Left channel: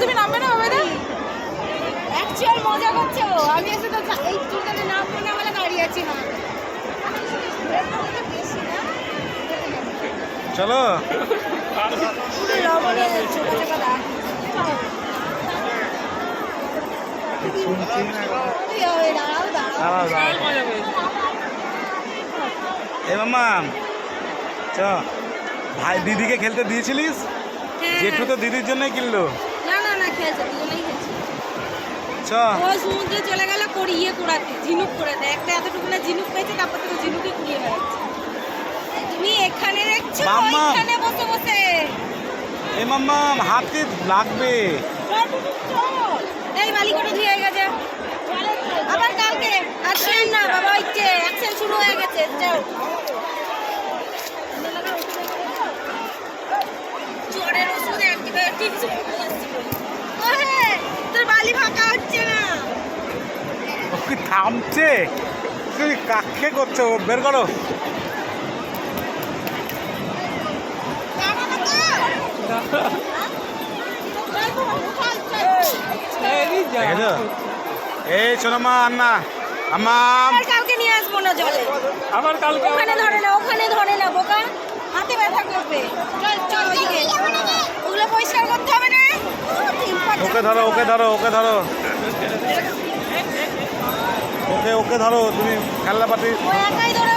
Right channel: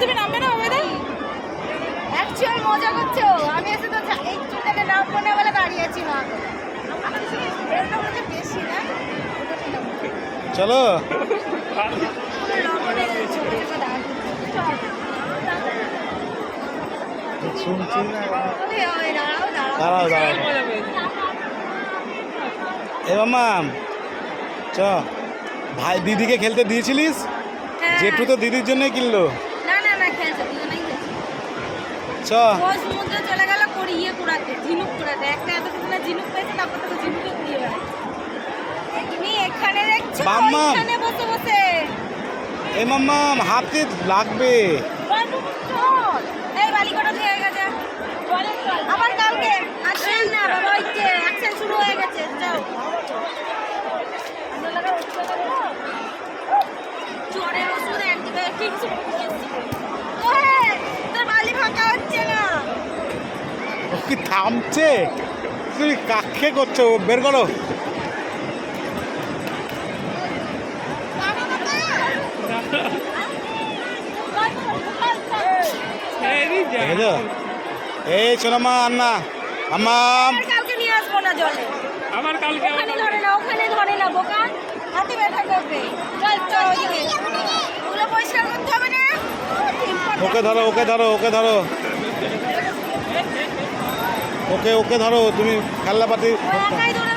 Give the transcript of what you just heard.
তুমি নামবে না বাবা? অ্যাকচুয়াল মজা করছো। আমি এসে তো এই চুলটাতে নাম করে বলে দাঁড়িয়ে আছি না। বেশি না চলো শুনছি না। দাঁড়াও দাঁড়াও এ মামা চ ভাই দিদিকে খেলতে দিয়েছিলিস? জেঠু তো দিদির জন্যই কিনলো। না না না খেলছে দুজনেই খেলছে। চ ওই সমুদ্রে চলে গেল ইয়ে কুড়াতে ঝিনুক কুড়াতে একটা এতটুকু ঝিনুক পেয়েছে তারপর থেকে ঝিনুকে কুড়িয়ে বেড়াচ্ছে। তুমি এখানে দেখছো মাম্মা। এখানে বসে বসে এ মাম্মা হাতে লাগবে। এই বালিকটা ধুয়ে গেছে আবার কালকে আসেন না বাবা হচ্ছে অ্যাকশন শুরু হয়ে গেছে যাও জ্বরের ওষুধ অ্যান্টিবায়োটিক তোর বালি ফাঁকা হচ্ছে না ও কি থামছে? তুমি কাকে করছো? বের করো। দেখেছো? এই শোনো মা আন্না আম্মাম কালকে নিয়ে আসবো না জলে আমার কালকে ওখানে ধরে না বোকা হাতে ব্যথা করবে চল চল ওদিকে ওগুলো পরিষ্কার করতে হবে না ওকে ধরো ওকে ধরো ওকে ধরো ওকে ধরো তুমি খেলনা পাতি ও একাই ধরে